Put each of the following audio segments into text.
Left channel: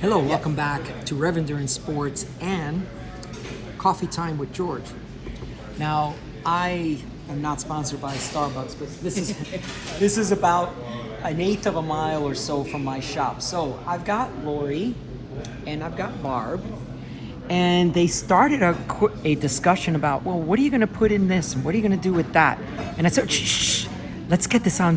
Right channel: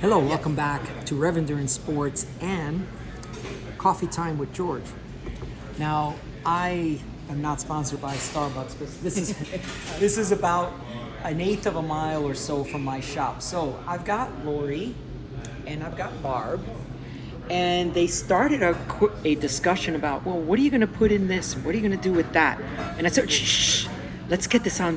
Hello, welcome back to REV Endurance Sports and Coffee Time with George. Now, I am not sponsored by Starbucks, but this is about an eighth of a mile or so from my shop. So I've got Lori and I've got Mark, and they started a discussion about, well, what are you going to put in this and what are you going to do with that? And I said, shh, let's get this on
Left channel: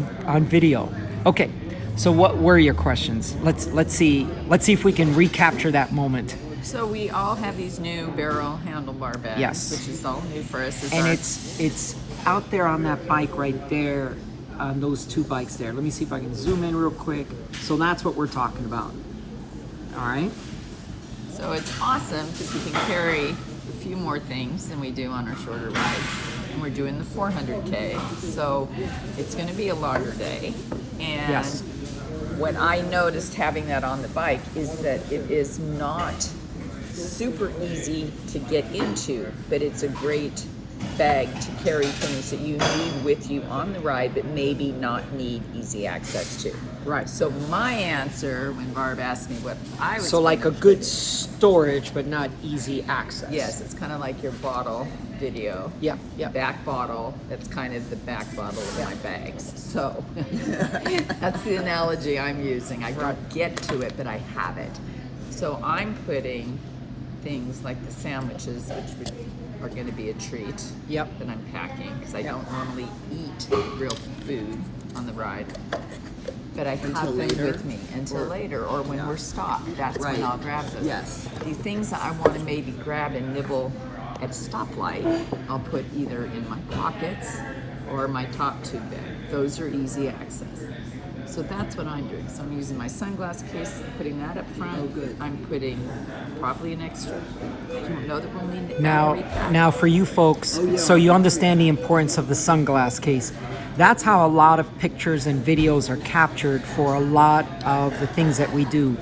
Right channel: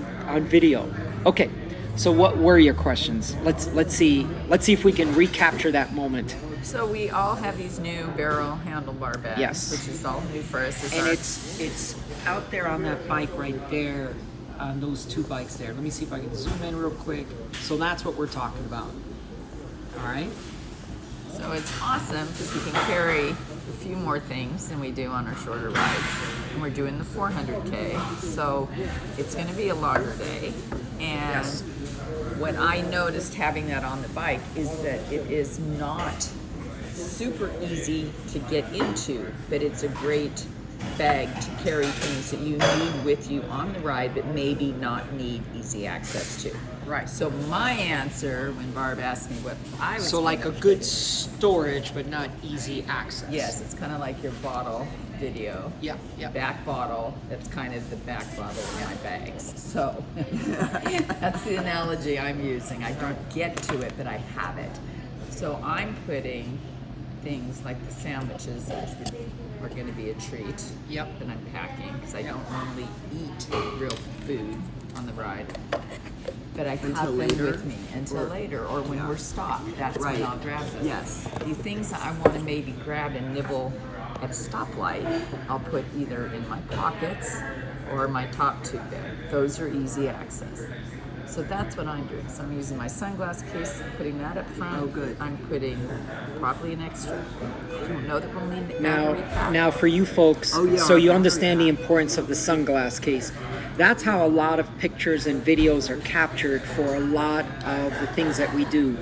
video. Okay. So what were your questions? Let's see if we can recapture that moment. So we all have these new barrel handlebar bags, Yes. which is all new for us. And it's out there on that bike right there, on those two bikes there. Let me see if I can zoom in real quick. So that's what we're talking about. All right. So it's awesome because we can carry a few more things than we do on our shorter rides. And we're doing the 400K, so it's going to be a longer day. And Yes. what I noticed having that on the bike is that it is not super easy to get into, but it's a great bag to carry things that you need with you on the ride, but maybe not need easy access to. Right. So my answer when Barb asked me what I was So like a gonna good put storage, but not easy access. in- yes, it's kind of like your bottle video. Yeah. Back bottle, that's kind of the back bottle of my bags. So that's the analogy I'm using. I don't get to it, but I have it. So I'm putting things like the sandwiches, which are going to be a treat. Yep. That I'm packing because I Yep. don't normally eat real food on the ride. But I have Until them later? with me until later, or when we're stopped. That's when Right. I'll grab them. Yes. The things that I want to maybe grab and nibble at a stoplight, I'll put either in my pockets or my top tube bag. Those are easy access. So that's what I'm doing. So I'm using my sunglass case, putting that up front. Oh, good. I'm putting probably an extra. I don't know that we'll need a Now, battery pack. now for you folks, Oh, yeah, so you battery understand the pack. importance of the sunglass case. That's how a lot of pictures and videos are captured for a lot of the things that we do.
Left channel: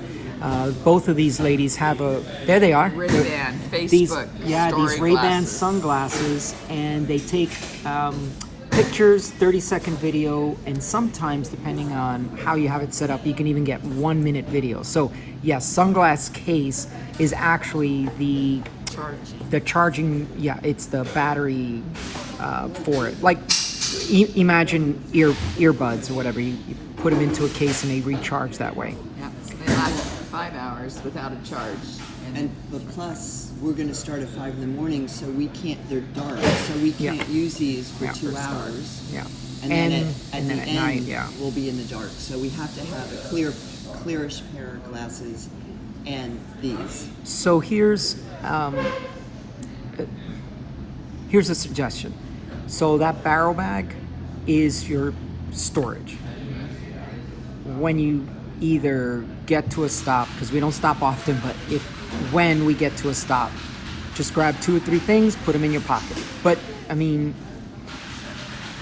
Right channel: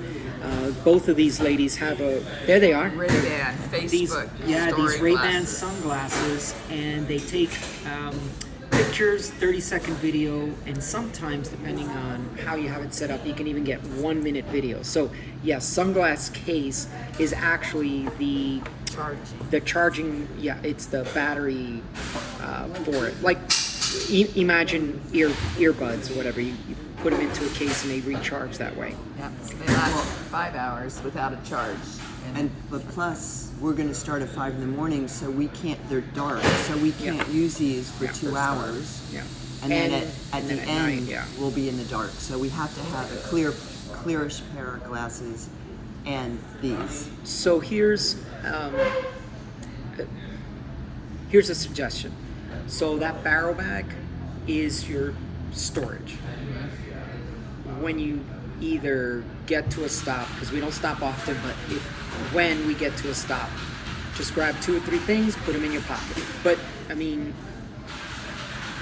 Both of these ladies have there they are. Ray-Ban, These Facebook, Ray-Ban glasses. sunglasses, and they take pictures, 30-second video, and sometimes, depending on how you have it set up, you can even get 1-minute video. So yes, sunglass case is actually the charging, it's the battery for it. Like imagine earbuds or whatever, you put them into a case and they recharge that way. Yep, so they last 5 hours without a charge. But plus, we're going to start at 5 in the morning, so we can't. They're dark, so we can't use these for 2 for hours. stars. Yeah. And then at and the at end, night, yeah. we'll be in the dark. So we have to have a clearish pair of glasses, and these. So here's a suggestion. So that barrel bag is your storage. When you either get to a stop, because we don't stop often, but when we get to a stop, just grab 2 or 3 things, put them in your pocket. But I mean,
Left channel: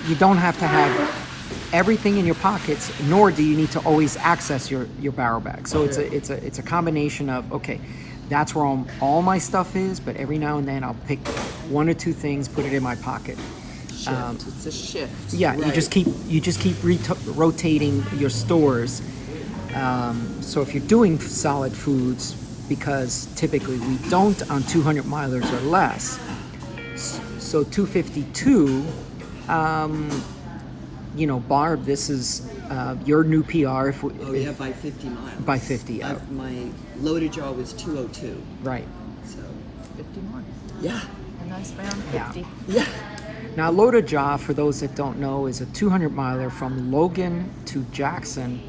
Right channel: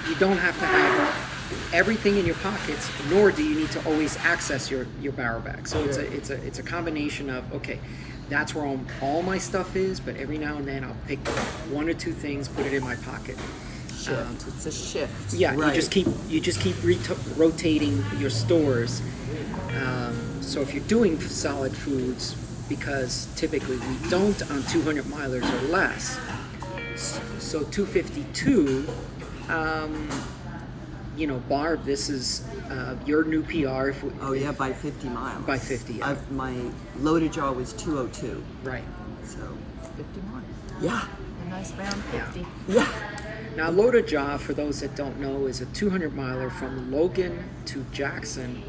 you don't have to have everything in your pockets, nor do you need to always access your barrel bag. So it's a combination of, okay, that's where all my stuff is, but every now and then I'll pick 1 or 2 things, put it in my pocket. Shift. It's a shift. Right. You just keep rotating your stores. So if you're doing solid foods, because typically we don't on 200 milers or less. So 252, Barb, this is your new PR. Oh yeah, by 50 miles. By 50, yeah. My loaded jaw was 202. Right. So 50 more. yeah, A nice round 50. yeah. Now, Loda Jaw, for those that don't know, is a 200 miler from Logan to Jackson,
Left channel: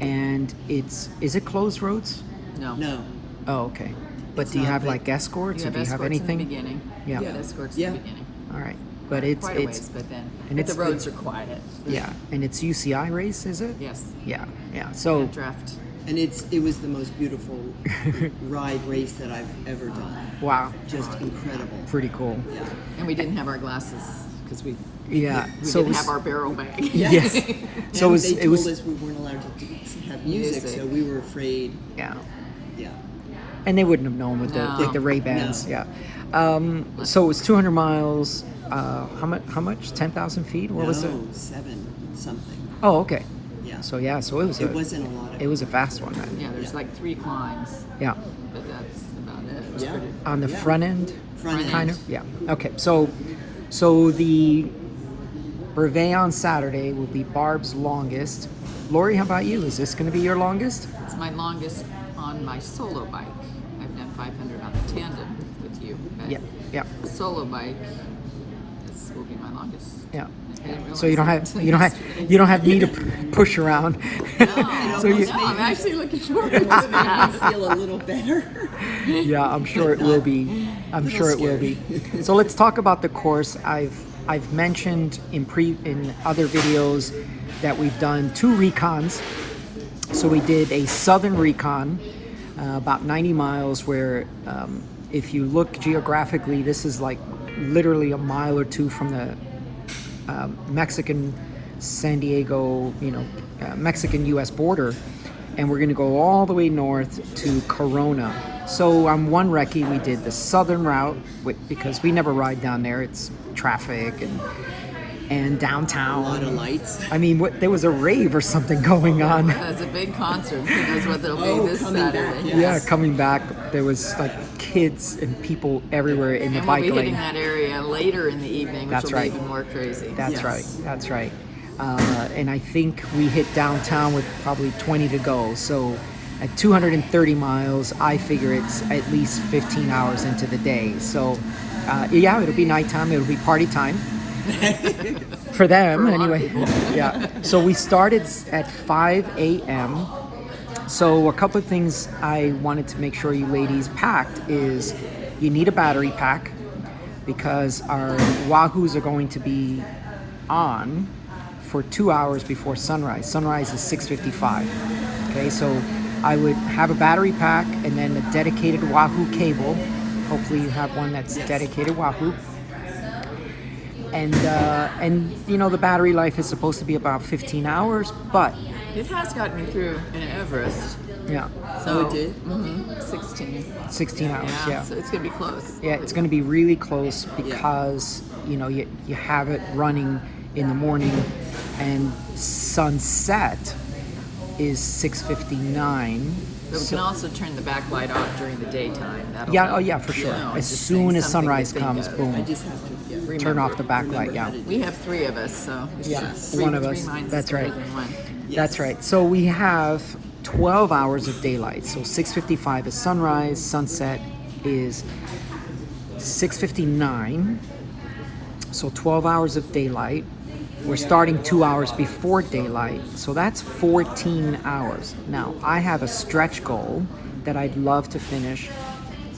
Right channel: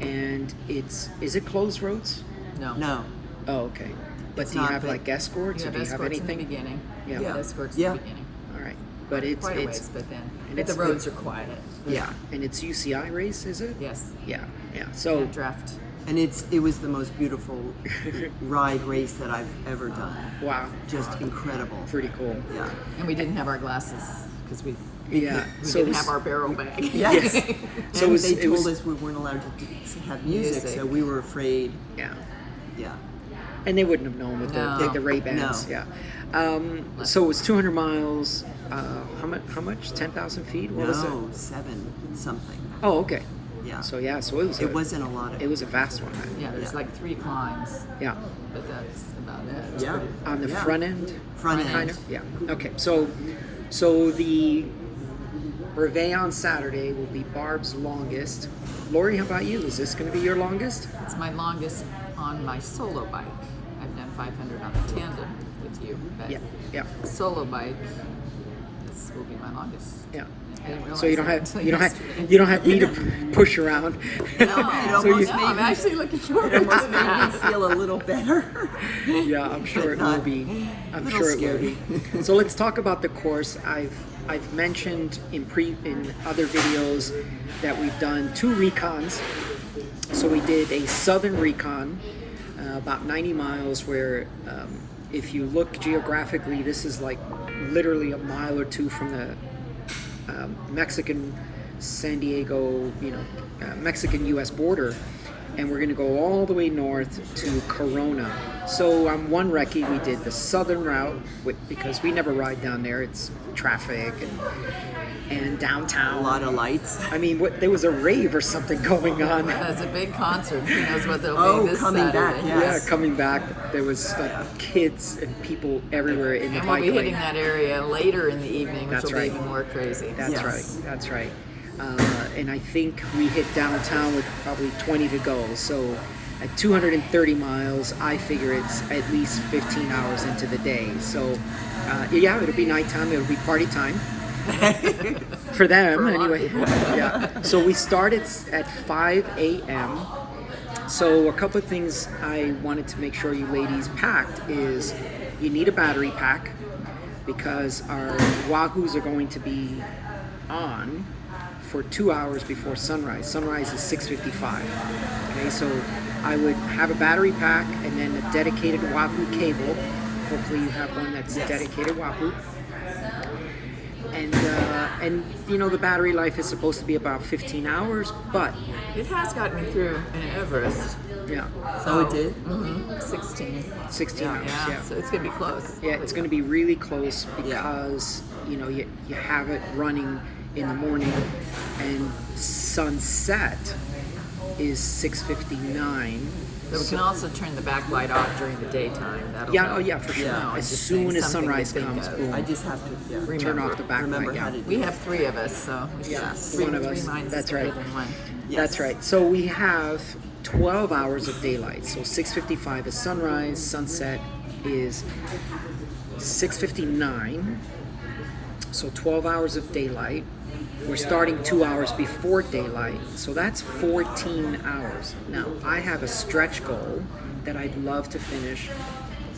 and is it closed roads? No. Oh, okay. But It's do you not have big. like escorts? You or have do you have escorts in the anything? beginning. Yeah. You have escorts Yeah. in the beginning. All right, but it's quite a ways, but and the it's roads are quiet. Yeah, and it's UCI race, is it? Yes. Yeah. So And draft. And it was the most beautiful ride race that I've ever done. wow, Just incredible. pretty cool. Yeah. And we didn't have our glasses because we Yeah. So didn't it was- have our barrel bag. Yes. So And it they was- told us we weren't allowed to have music, Music. so we were afraid. Yeah. Yeah. And they wouldn't have known with No. the Ray-Bans. No. Yeah. So it was 200 miles. How much? 10,000 feet? What was it? No, 7 something. Oh, okay. Yeah. So it It wasn't a lot of. it was a fast one then. Yeah, there's like 3 climbs, Yeah. but that's about it. It's Yeah. pretty- On the Yeah. front end. Front end. Kind of. Yeah. Okay. So the Brevet on Saturday will be Barb's longest. Lori, how about you? Is this going to be your longest? It's my longest on my solo bike. I've done 500 on the tandem with you, but Yeah. Yeah. solo bike, this will be my longest. Yeah. I didn't realize So you don't that have until you don't yesterday. have you don't have me to push around. No, almost no, I'm made me- actually looking forward It to almost made me that. feel a little better. Yeah, I'm sure it will be. I'm Little sure it will scary. be. So let's talk about the course. I've mentioned in other videos that we've done 2 recons. So we did a southern recon, about 90 miles, where if you look geographically, this is like literally a mile or 2 from the Mexican San Diego, Mexican U.S. border, and we're going to go all the way north to Corona. So on one recce, we did the southern route because we never ride down there. It's traffic and downtown. A lot of lights. I mean, there was a rave or something going on. It's a big concert. Who knows what there'll Oh, be this coming back, Saturday. yeah. Yeah, coming back, there was like kids and people everywhere in the And we'll bike be hitting lane. that area later in the evening, which That's will right. be even more crazy. That's Yes. right. That's right. And I think we hit downtown with probably 20 to go. So at 230 miles, I figure it's at least 15 hours into the day. So yeah, it'll be nighttime. It'll be party time. For them, For a lot of anyway. people. Yeah. So we started at 5 a.m. So a couple of things I wanted to make sure you ladies packed is you need a battery pack because our Wahoos are going to be on for 2 hours before sunrise. Sunrise is 6:55. Okay, so I would have a battery pack and then a dedicated Wahoo cable. Hopefully you have one that's Yes. dedicated Wahoo. And the battery life is supposed to be about 15 hours, but It has gotten me through an Everest. yeah, Oh, it did? 16. 16 hours. Yeah, Yeah. so it's going to be close. Yeah, it's going to be really close because you have it running in the morning, and sunset is 6:59. But we can also turn the backlight off during the daytime. That'll Yeah, help. oh yeah, for sure. No, I'm As just soon saying as something to sunrise think comes, of. boom, I just have to turn Remember. off the remember backlight. how Yeah. to We have 3 of us, so we should Yes. three, One of three us. minds That's is better right. than one. That's right. So we have 12 hours of daylight. So 6:55 is sunrise. Sunset is 6:59. So 12 hours of daylight. We're starting 2 hours before daylight. So that's 14 hours. Now, I have a stretch goal that I'd love to finish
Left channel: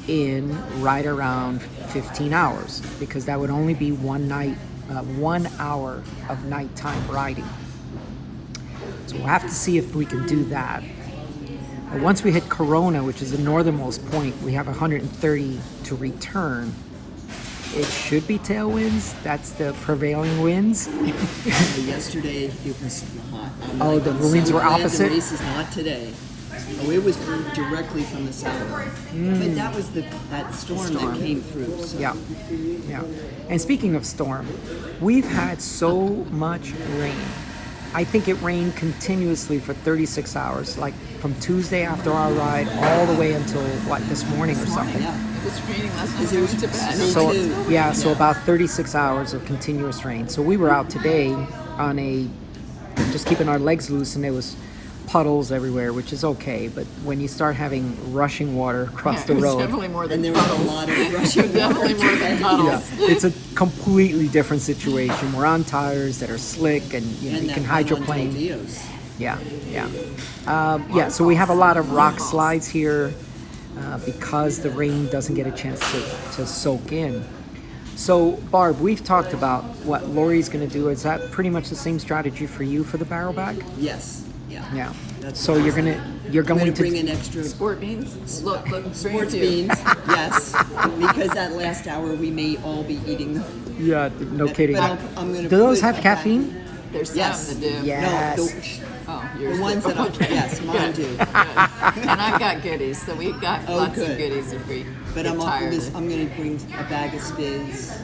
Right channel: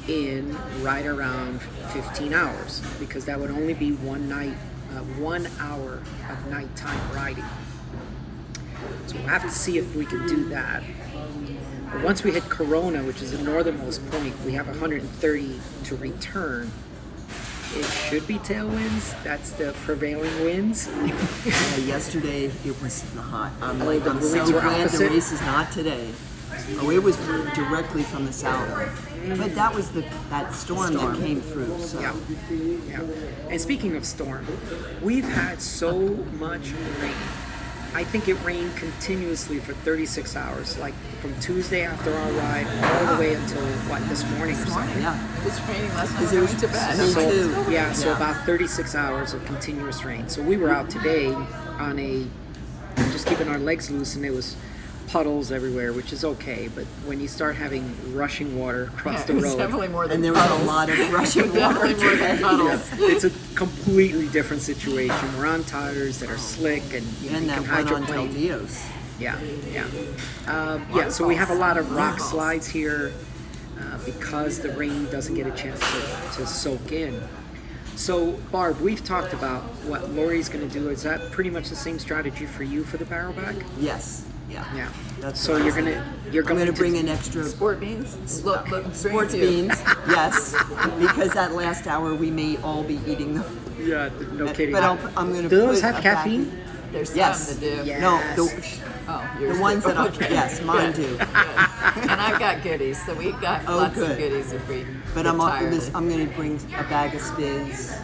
in right around 15 hours because that would only be 1 hour of nighttime riding. So we'll have to see if we can do that. But once we hit Corona, which is the northernmost point, we have 130 to return. It should be tailwinds. That's the prevailing winds. Yesterday it was hot. I'm Oh, like, the I'm winds so were glad opposite? the race is not today. Oh, it was directly from the south. But that was that storm that came through. So. Yeah, yeah. And speaking of storm, we've had so much rain. I think it rained continuously for 36 hours, like from Tuesday after our ride all the way until like this morning or something. Yeah. It was raining last night Because when it I was- went to bed. me I'm like, too. it's still Yeah, raining. so about 36 hours of continuous rain. So we were out today on just keeping our legs loose, and there was puddles everywhere, which is okay. But when you start having rushing water across Yeah, the it was road, definitely more than And there was puddles. a lot of rushing Definitely water more than today. puddles. it's a completely different situation. We're on tires that are slick, and you And can that one on hydroplane. Del Dios. Yeah, yeah. Yeah, so we have a lot of rock Waterfalls. slides here because the rain doesn't get a chance to soak in. So, Barb, we've talked about what Lori's going to do. Is that pretty much the same strategy for you for the barrel bag? Yes. Yeah. Yeah. That's So what you're I'm going to to bring an extra Sport beans? Look, bring sports a few. beans. Yes. Because that last hour we may all be eating them. Yeah, no kidding. But I'm going to Do those put have a bag- caffeine? There's Yes. some that do. Yeah. No, Yes. Oh, the yours ones do. that Okay. yes, mine Good. do. Good. And I've got goodies, so we've got Oh, lots of good. goodies if we But get I'm tired. going to bring a bag of Spiz.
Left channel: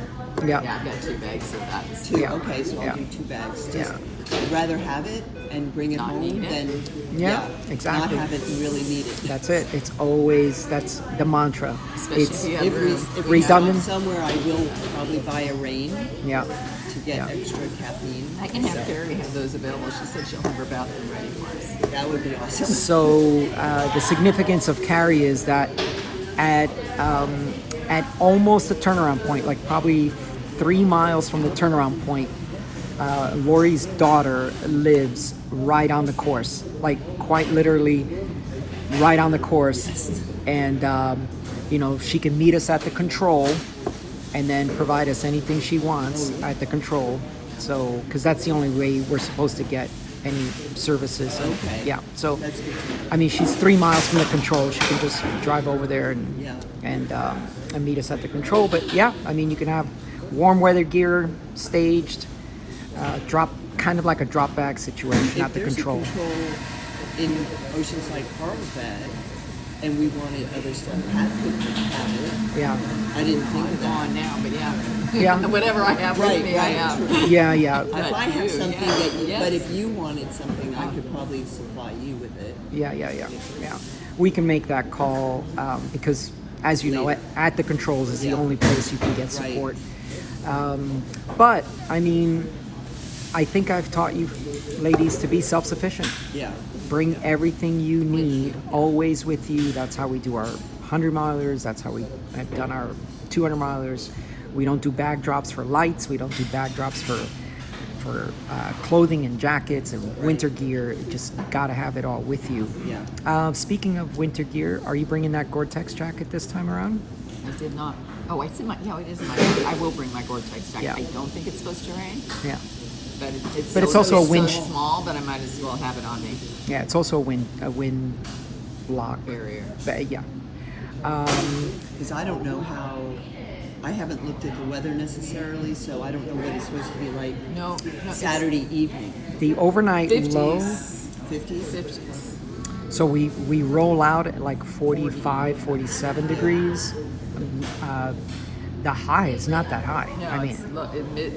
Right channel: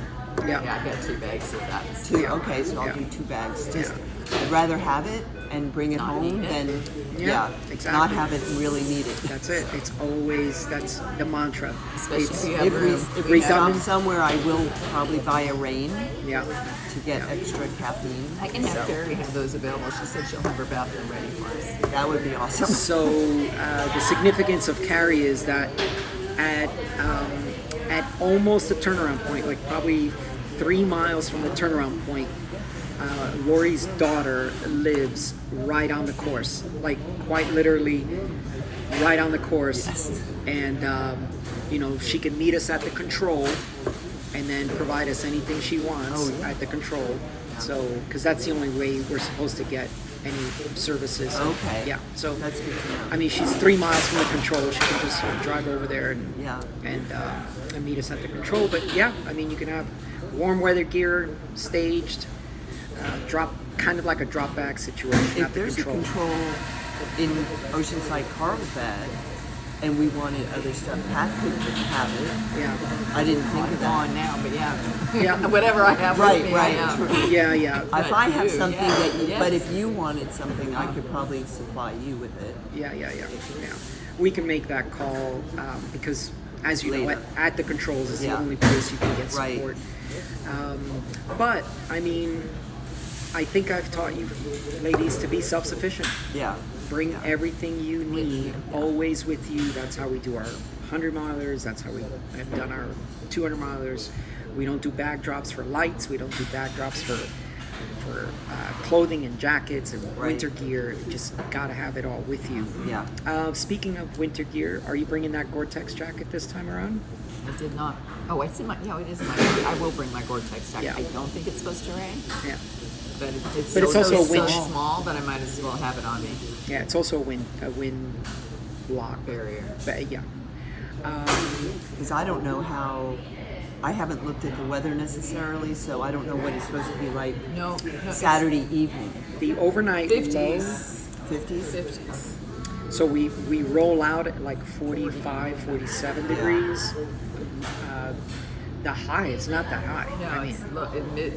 Yeah. Yeah, I've got 2 bags of that. Two. Yeah. Okay, so I'll Yeah. do 2 bags. Just Yeah. I'd rather have it and bring it Not home need it. than Yeah, not exactly. have it and really need it. That's it. It's always, that's the mantra. Especially It's- if you have If we, room. if we stop redundant. somewhere, I will probably buy a rain Yeah. to get extra caffeine. I can have Carrie have those available. She said she'll have her bathroom ready for us. That would be awesome. So the significance of carry is that at almost the turnaround point, like probably 3 miles from the turnaround point, Lori's daughter lives right on the course, like quite literally right on the course. And you know, she can meet us at the control and then provide us anything she wants at the control. So, because that's the only way we're supposed to get any services. Okay. Yeah. So That's good to know. I mean, she's 3 miles from the control. She can just drive over there and Yeah. and meet us at the control. But yeah, I mean, you can have warm weather gear staged, drop kind of like a drop bag situation If at the there's control. a control in Oceanside Carl's bag, and we wanted other stuff, Pat could have it. Yeah. I didn't think I'm of that. gone now, but yeah. Yeah. Whatever I have Right, with me, I right. have. Yeah, yeah, If I But have you, something yes, that you, yes. but if you wanted something, I could probably supply you with it. yeah. We can make that call because, as you know, Later. at the controls is the Yeah. only place you can get Right. support. But I mean, I think I've taught you ladies to be self-sufficient. Yeah. Bring everything you need always with you. That's how we do our 100 milers. That's how we have done our 200 milers. We don't do bag drops for lights. We don't do bag drops for clothing and jackets and winter gear. You just got to have it all with you. Yeah. Speaking of winter gear, are you bringing that Gore-Tex jacket this time around? I did not. Oh, it's in my. Yeah, it is in my. I will bring my Gore-Tex jacket. Yeah. I don't think it's supposed to rain, Yeah. but it's But it's so, also a so wind- small that I might as well have it on me. Yeah, it's also a wind block. Barrier. But, yeah. Because I don't know how. I haven't looked at the weather necessarily, so I don't know what it's supposed to be like No, Saturday evening. The overnight low. 50s. 50s? 50s. So we roll out at like 45, 47 degrees. The high is not that high. No, I mean, it's look.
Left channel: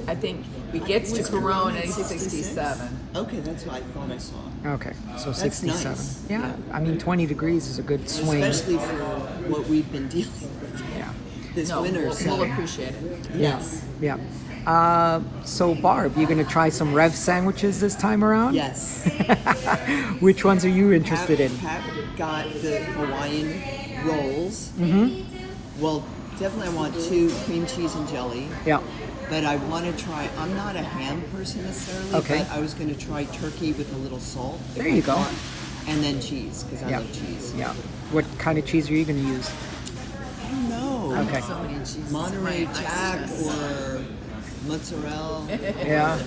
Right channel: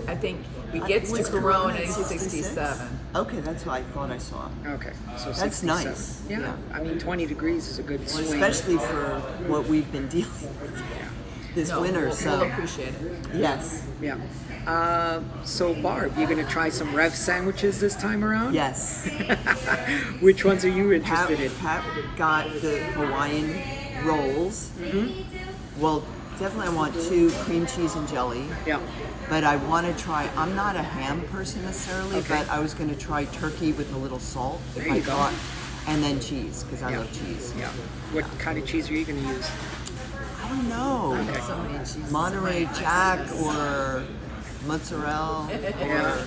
I think it gets to Was Corona at at 67. Okay, that's what I thought I saw. okay, so That's 67. nice. Yeah, Yeah. I mean 20 degrees is a good Well, swing. especially for what we've been dealing with this No, winter. we'll appreciate it. Yes. Yeah. So Barb, you're gonna try some REV sandwiches this time around? Yes. Which ones are you Pat, interested in? Pat got the Hawaiian rolls. Mm-hmm. Well, definitely I want 2 cream cheese and jelly. Yeah. But I want to try, I'm not a ham person necessarily, Okay. but I was going to try turkey with a little salt. There you go. And then cheese, because I Yeah. love cheese. Yeah. What kind of cheese are you gonna use? I don't know. I Okay. have so many cheeses. Monterey in my Jack ice chest. or mozzarella. Yeah. Or,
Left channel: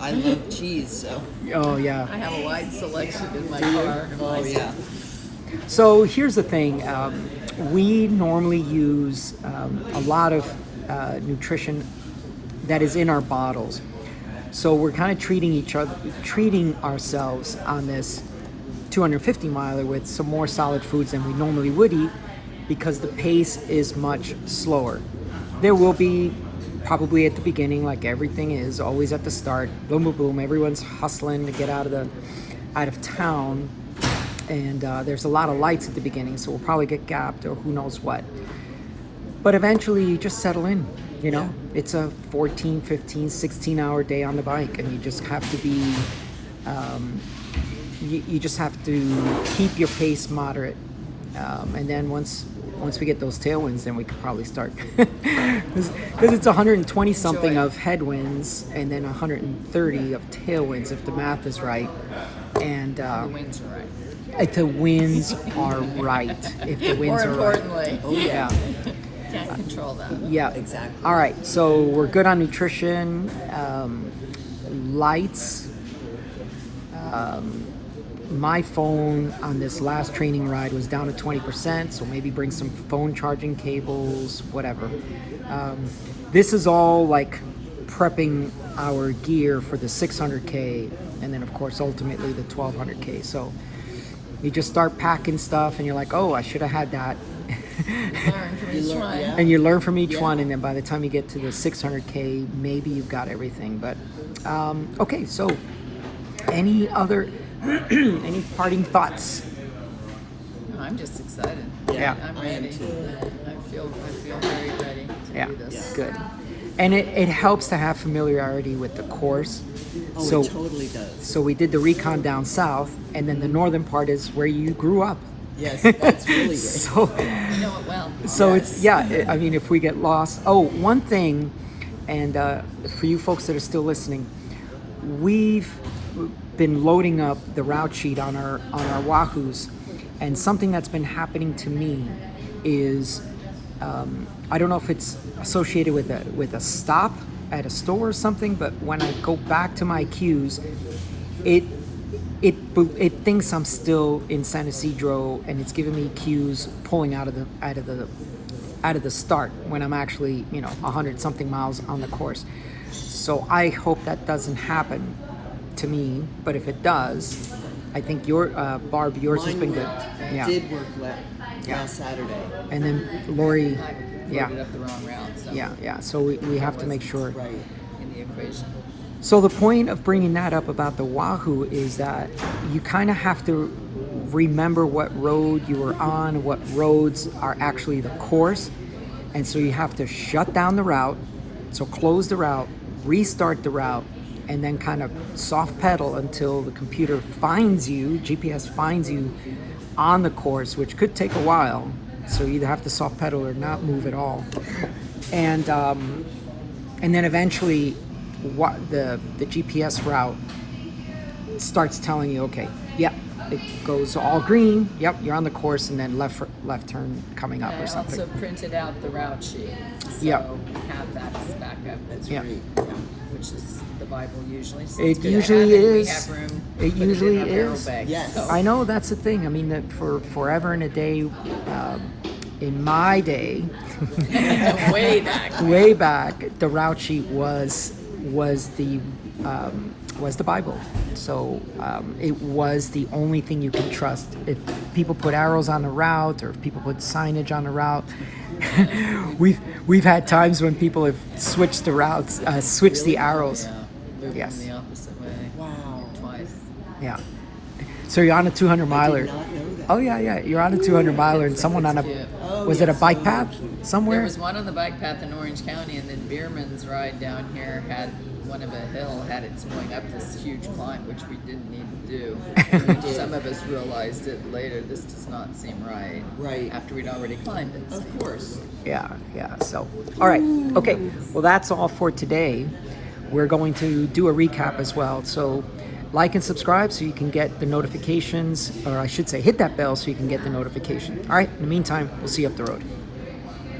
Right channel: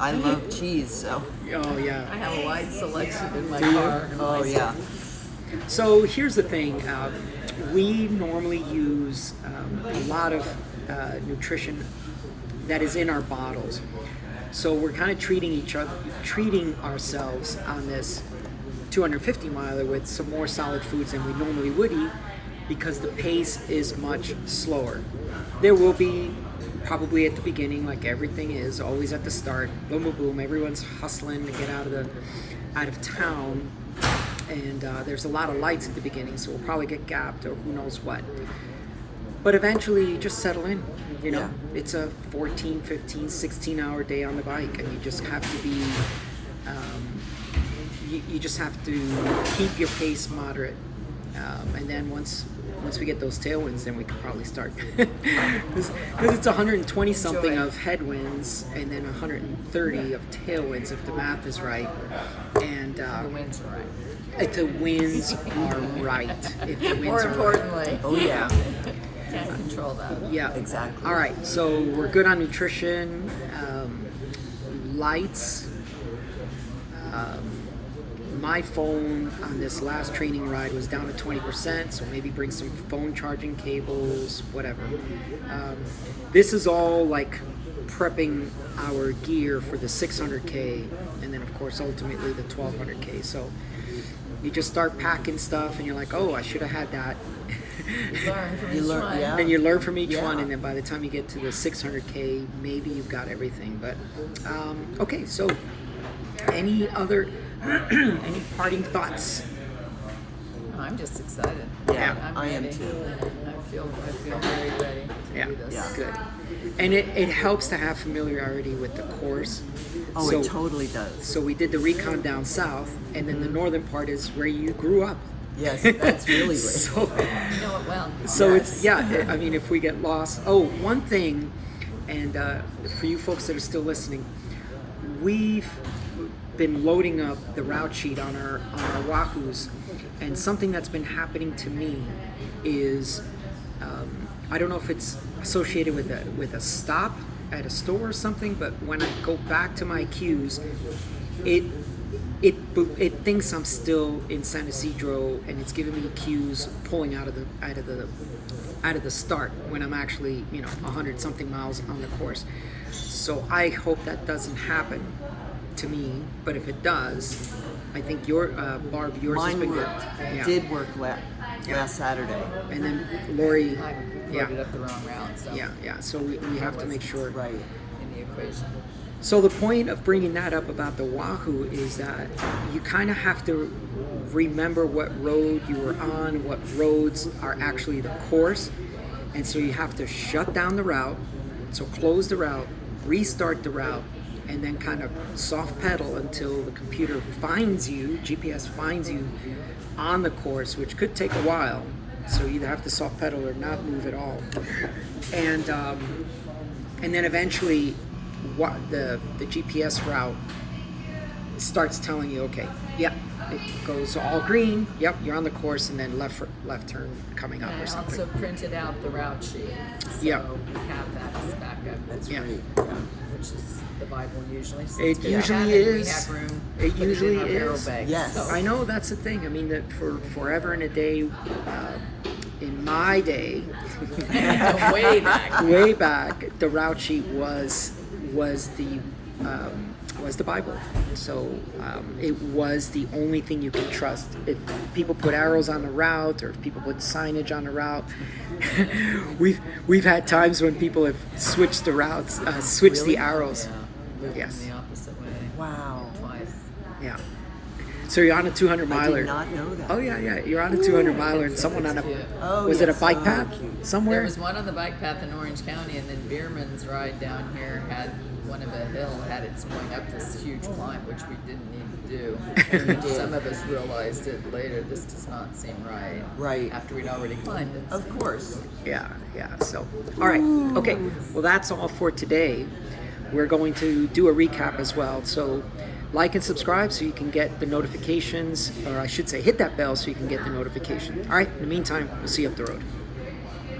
I love cheese, so. Oh yeah. I have a wide selection in my car. Oh, yeah. So here's the thing. We normally use a lot of nutrition that is in our bottles. So we're kind of treating ourselves on this 250 miler with some more solid foods than we normally would eat because the pace is much slower. There will be probably at the beginning, like everything is, always at the start, boom, boom, boom. Everyone's hustling to get out of town. And there's a lot of lights at the beginning, so we'll probably get gapped or who knows what. But eventually you just settle in, you know? Yeah. It's a 14, 15, 16 hour day on the bike, and you just have to be, you just have to keep your pace moderate. And then once we get those tailwinds, then we could probably start. Because it's 120 something Enjoy. of headwinds and then 130 of tailwinds if the math is right. And The winds are right. if the winds are right. If the winds More are importantly, right. Oh yeah. can't control that. Yeah. Exactly. All right. So we're good on nutrition, lights. My phone on this last training ride was down to 20%, so maybe bring some phone charging cables, whatever. This is all like prepping our gear for the 600K and then of course ultimately the 1200K. So you just start packing stuff and you're like, oh, I should have had that You learn from each learn- one. yeah. And you learn from each Yeah. one, and then by the time you get to the 600K, maybe you've got everything. But okay, so any other any parting thoughts? Oh, I'm just excited. Yeah, I'm I am ready. too. I feel very ready to Yeah, do this. good. And it helps to have familiarity with the course. Oh, So- it totally does. So we did the recon down south, and then the northern part is where you grew up. Yes, that's really great. So, You know it well. so Yes. it's I mean, if we get lost. Oh, one thing, and for you folks that are still listening, we've been loading up the route sheet on our Wahoos, and something that's been happening to me is I don't know if it's associated with a stop at a store or something, but when I go back to my queues, it thinks I'm still in San Isidro, and it's giving me cues pulling out of the start when I'm actually 100 something miles on the course. So I hope that doesn't happen to me, but if it does, I think Barb, yours has Mine been worked. good. Yeah. Did work last Saturday. And then Lori, I loaded up the wrong route, so yeah. So we have to make sure. Right. in the equation. So the point of bringing that up about the Wahoo is that you kind of have to remember what road you were on, what roads are actually the course, and so you have to shut down the route, so close the route, restart the route, and then kind of soft pedal until the computer finds you, GPS finds you on the course, which could take a while. So you either have to soft pedal or not move at all, and then eventually the GPS route starts telling you, okay, yep, it goes all green, yep, you're on the course, and then left turn coming up And or I something. also printed out the route sheet, so Yeah. we have that as backup. That's Yeah. great. Which is the Bible usually. So It it's good to usually have, and we is. have room It to put usually it in our barrel is. bag. Yes. So. I know that's the thing. I mean, that for forever and a day, in my day, Way back. way back, the route sheet was the Bible. So it was the only thing you could trust. If people put arrows on the route, or if people put signage on the route, we've had times when people have switched the routes, switched the arrows. Yeah. Moved Yes. in the opposite way. Wow. Twice. Yeah. So you're on a 200 I miler. did not know that. Oh yeah. You're on a 200 miler, and someone on a cute. Oh, was it a yes, bike so path cute. somewhere? There was one on the bike path in Orange County, and then Bierman's ride down here had one of a hill had its going up this huge climb, which we didn't need to do. And some of us realized it later. This does not seem right. Right. After we'd already climbed it. Of course. Yeah. So, all right. Okay. Well, that's all for today. We're going to do a recap as well. So, like and subscribe so you can get the notifications, or I should say, hit that bell so you can get the notification. All right. In the meantime, we'll see you up the road.